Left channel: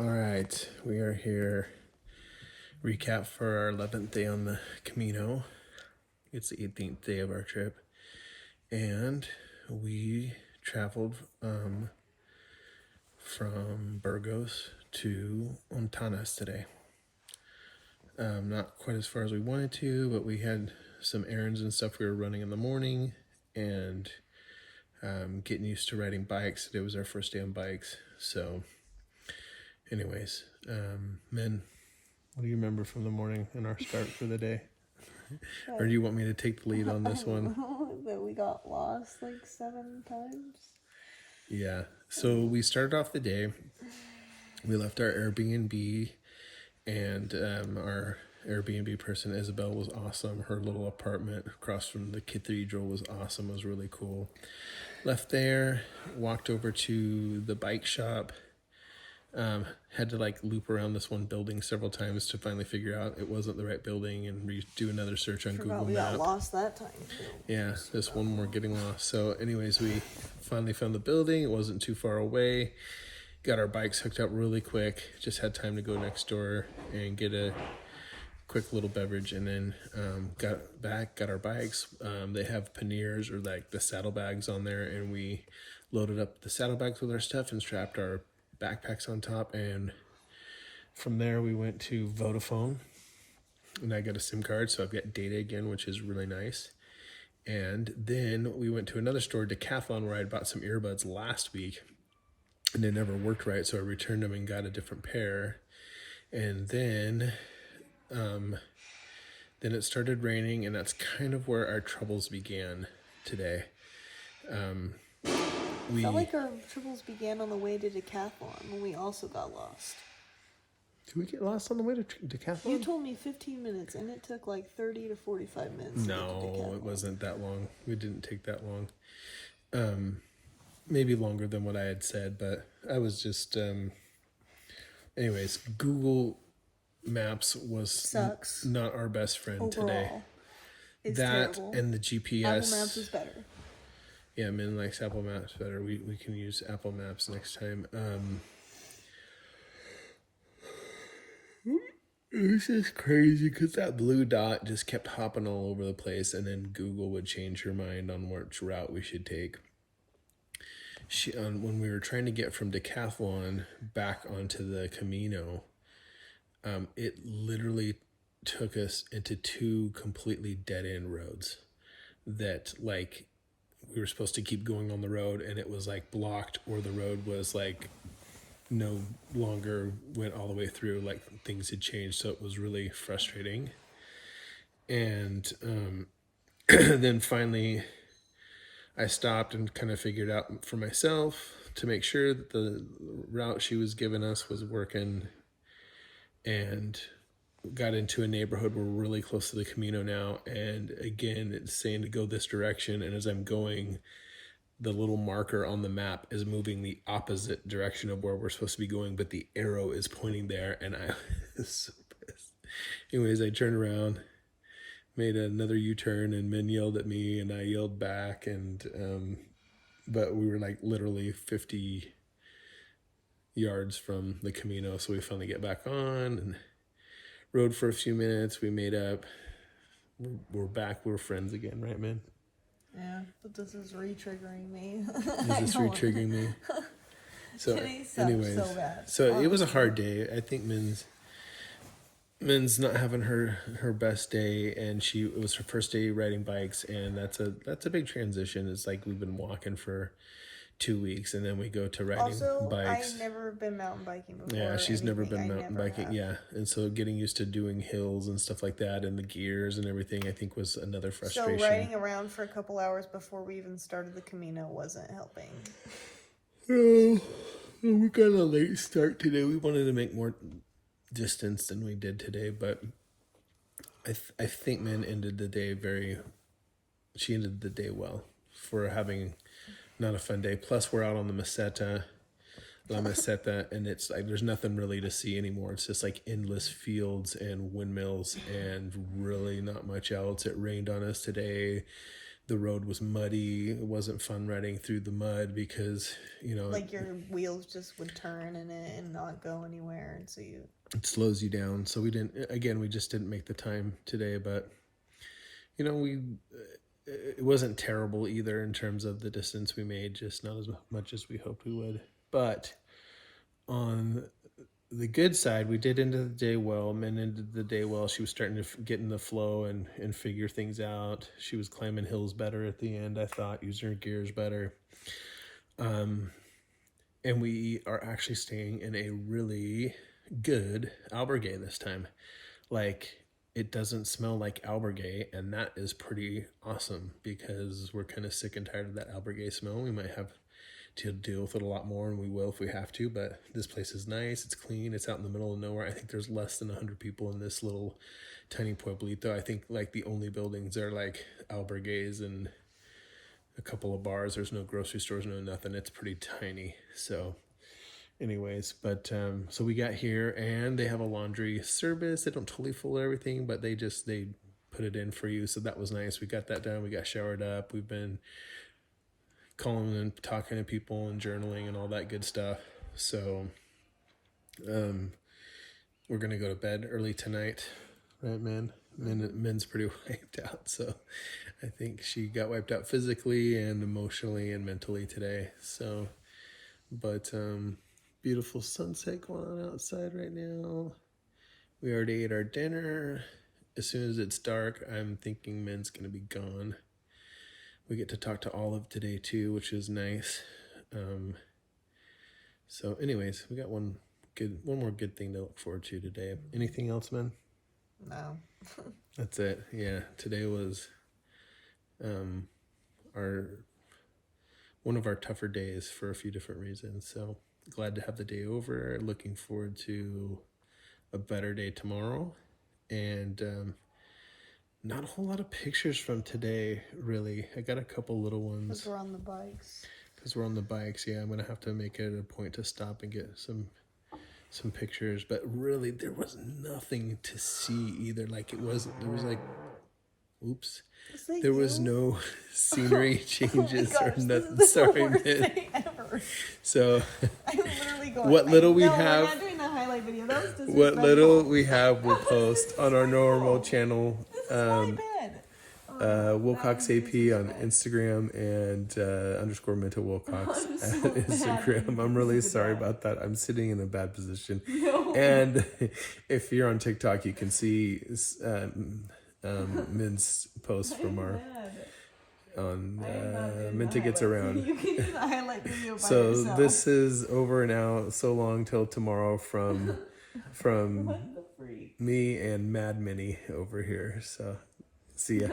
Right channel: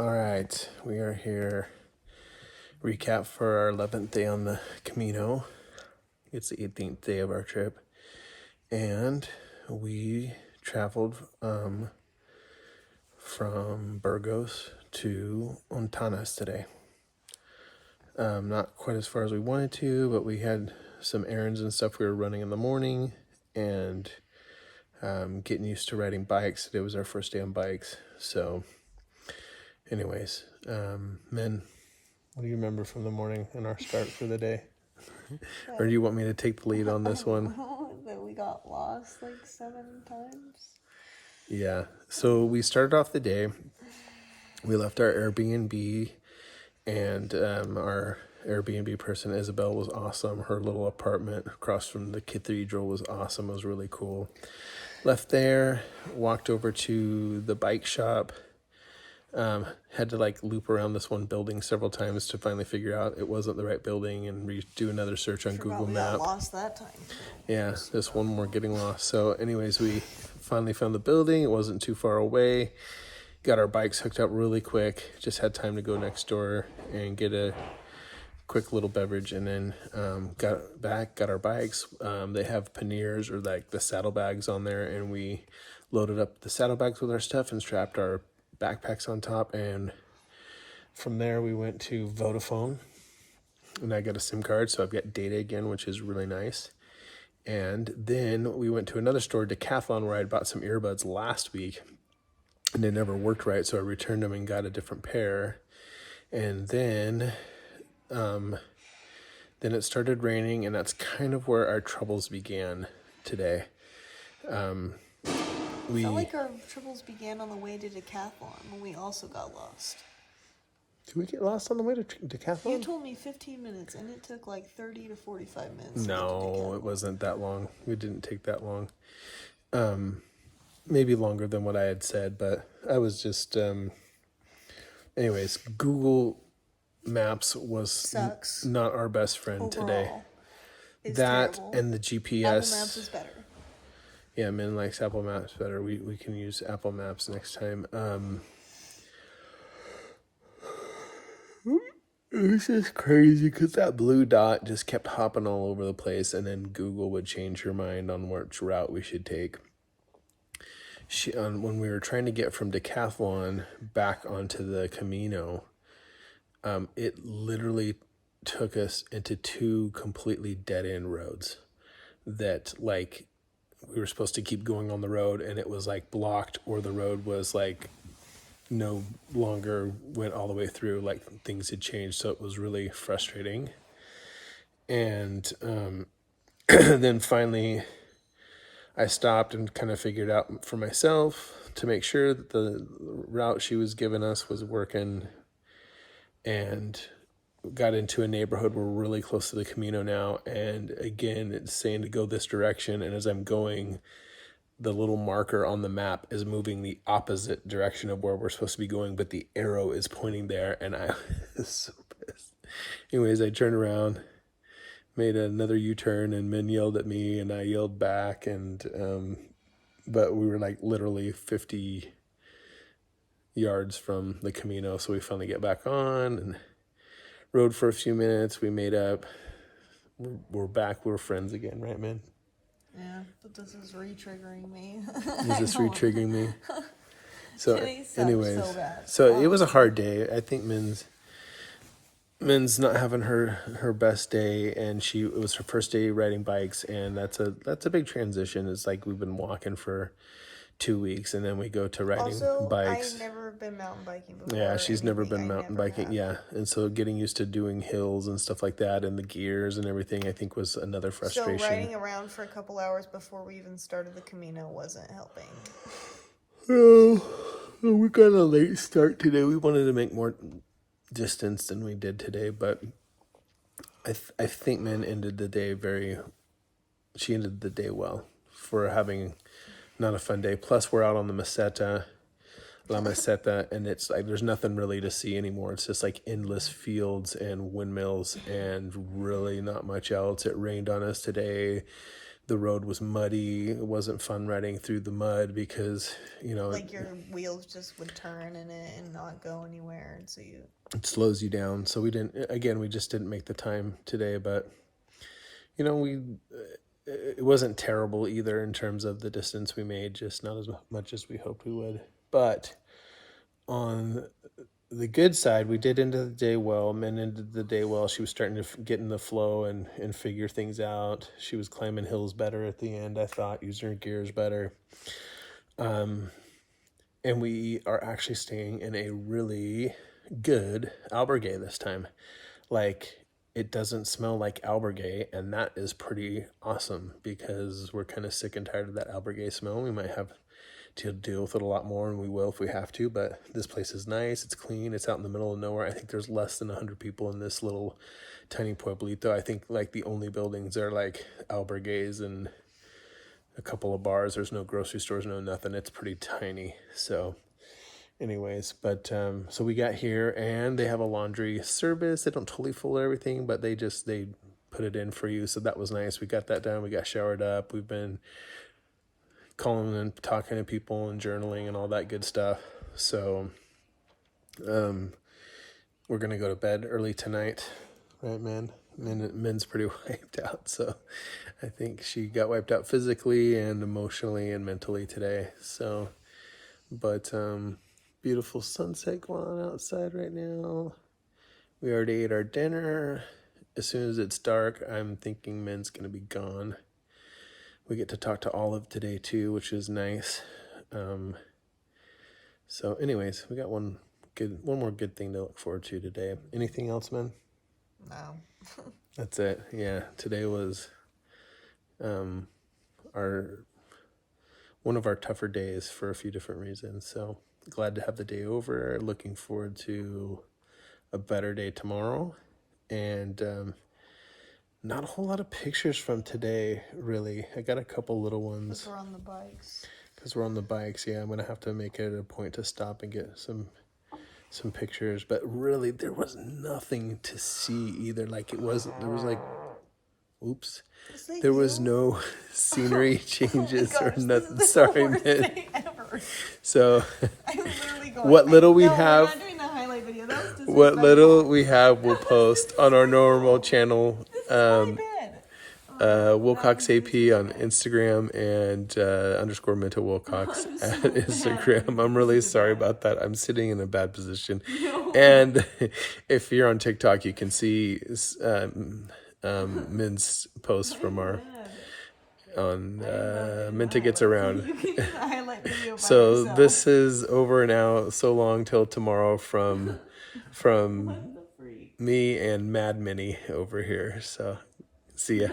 All right, we are here. Recap for our 11th day on the Camino. It's the 18th day of our trip. And we traveled from Burgos to Hontanas today. Not quite as far as we wanted to, but we had some errands and stuff we were running in the morning and getting used to riding bikes. Today was our first day on bikes. So anyways, men, what do you remember from the morning and our start for the day? Or do you want me to take the lead on this one? That we got lost like 7 times. Yeah. So we started off the day. We left our Airbnb, and our Airbnb person, Isabel, was awesome. Her little apartment across from the cathedral was awesome. It was really cool. Left there, walked over to the bike shop. Had to like loop around this one building several times to finally figure out it wasn't the right building and redo another search on Google we Maps. got lost that time too. Yeah, this one more getting lost. So anyways, we finally found the building. It wasn't too far away. Got our bikes hooked up really quick. Just had time to go next door and get a quick little beverage, and then got our bikes. They have panniers, or like the saddlebags on there, and we loaded up the saddlebags with our stuff and strapped our backpacks on top, and from there we went to Vodafone, and I got a SIM card, so I've got data again, which is really nice. And then we went to another store, Decathlon, where I bought some earbuds last week and they never worked right, so I returned them and got a different pair. And then it started raining, and that's kind of where our troubles began today. I felt like our troubles began on the way to Decathlon when we also got lost. Did we get lost on the way to Decathlon? You told me 15 minutes, and it took like 30 to 45 minutes. No, it wasn't that long. We didn't take that long. Maybe longer than what I had said, but I was just... anyways, Google Maps was not our best friend overall, today. That terrible. And the GPS. Apple Maps is better. Yeah, Min likes Apple Maps better. We can use Apple Maps next time. This is crazy because that blue dot just kept hopping all over the place, and then Google would change her mind on which route we should take. When we were trying to get from Decathlon back onto the Camino, it literally took us into 2 completely dead-end roads that, like, we were supposed to keep going on the road, and it was like blocked, or the road was like no longer went all the way through, like things had changed. So it was really frustrating. And then finally I stopped and kind of figured out for myself to make sure that the route she was giving us was working, and got into a neighborhood. We're really close to the Camino now, and again it's saying to go this direction, and as I'm going, the little marker on the map is moving the opposite direction of where we're supposed to be going, but the arrow is pointing there, and I was so pissed. Anyways, I turned around, made another U-turn, and Min yelled at me and I yelled back, and but we were like literally 50 yards from the Camino, so we finally get back on and rode for a few minutes. We made up. We're back. We're friends again, right, man? Yeah, but this is re-triggering me. This is re-triggering me. So, anyways, so bad. So it was a hard day. I think Min's not having her best day, and it was her first day riding bikes, and that's a big transition. It's like we've been walking for 2 weeks, and then we go to riding bikes. I've never been mountain biking before. Yeah, she's never been mountain biking. Yeah, and so getting used to doing hills and stuff like that, and the gears and everything, I think was another frustration. So riding around for a couple hours before we even started the Camino wasn't helping. Oh, we got a late start today. We wanted to make more distance than we did today, but I think Min ended the day she ended the day well for having not a fun day. Plus, we're out on the La Meseta, and it's like there's nothing really to see anymore. It's just like endless fields and windmills and really not much else. It rained on us today. the road was muddy. It wasn't fun riding through the mud because, you know, like your wheels just would turn in it and not go anywhere, and so it slows you down. So we just didn't make the time today, but you know, it wasn't terrible either in terms of the distance we made, just not as much as we hoped we would. But on the good side, we did end the day well. Min ended the day well. She was starting to get in the flow and figure things out. She was climbing hills better at the end, I thought, using her gears better. And we are actually staying in a really good albergue this time. Like, it doesn't smell like albergue, and that is pretty awesome because we're kind of sick and tired of that albergue smell. We might have to deal with it a lot more, and we will if we have to, but this place is nice. It's clean. It's out in the middle of nowhere. I think there's less than 100 people in this little tiny pueblito. I think like the only buildings are like albergues and a couple of bars. There's no grocery stores, no nothing. It's pretty tiny. So anyways, but so we got here and they have a laundry service. They don't totally fold everything, but they put it in for you. So that was nice. We got that done. We got showered up. We've been calling and talking to people and journaling and all that good stuff. So we're gonna go to bed early tonight, right, man? Min's pretty wiped out, so I think she got wiped out physically and emotionally and mentally today. So, but beautiful sunset going on outside right now. We already ate our dinner. As soon as it's dark, I'm thinking Min's gonna be gone. We get to talk to Olive today too, which is nice. So anyways, we got one more good thing to look forward to today. Anything else, man? no. That's it. Yeah, today was one of our tougher days for a few different reasons. So glad to have the day over. Looking forward to a better day tomorrow. And not a whole lot of pictures from today, really. I got a couple little ones. Because we're on the bikes. Yeah. I'm gonna have to make it a point to stop and get some pictures. But really, there was nothing to see either. Like there was like, oops. There was no scenery changes or nothing. This is Sorry, the worst man. thing ever. So, I'm literally going. what little we no, have, we're not doing the highlight video. That was disrespectful. what little we have, we'll post on our normal channel. This is my bed. Wilcox AP on Instagram and _ Minto Wilcox at Instagram. I'm really sorry about that. I'm sitting in a bad position. No. And if you're on TikTok, you can see Min's post from our Minta Gets Around. You can do the highlight video by So yourself. this is over now. So long till tomorrow from What the freak? me and Mad Minnie over here. So see ya.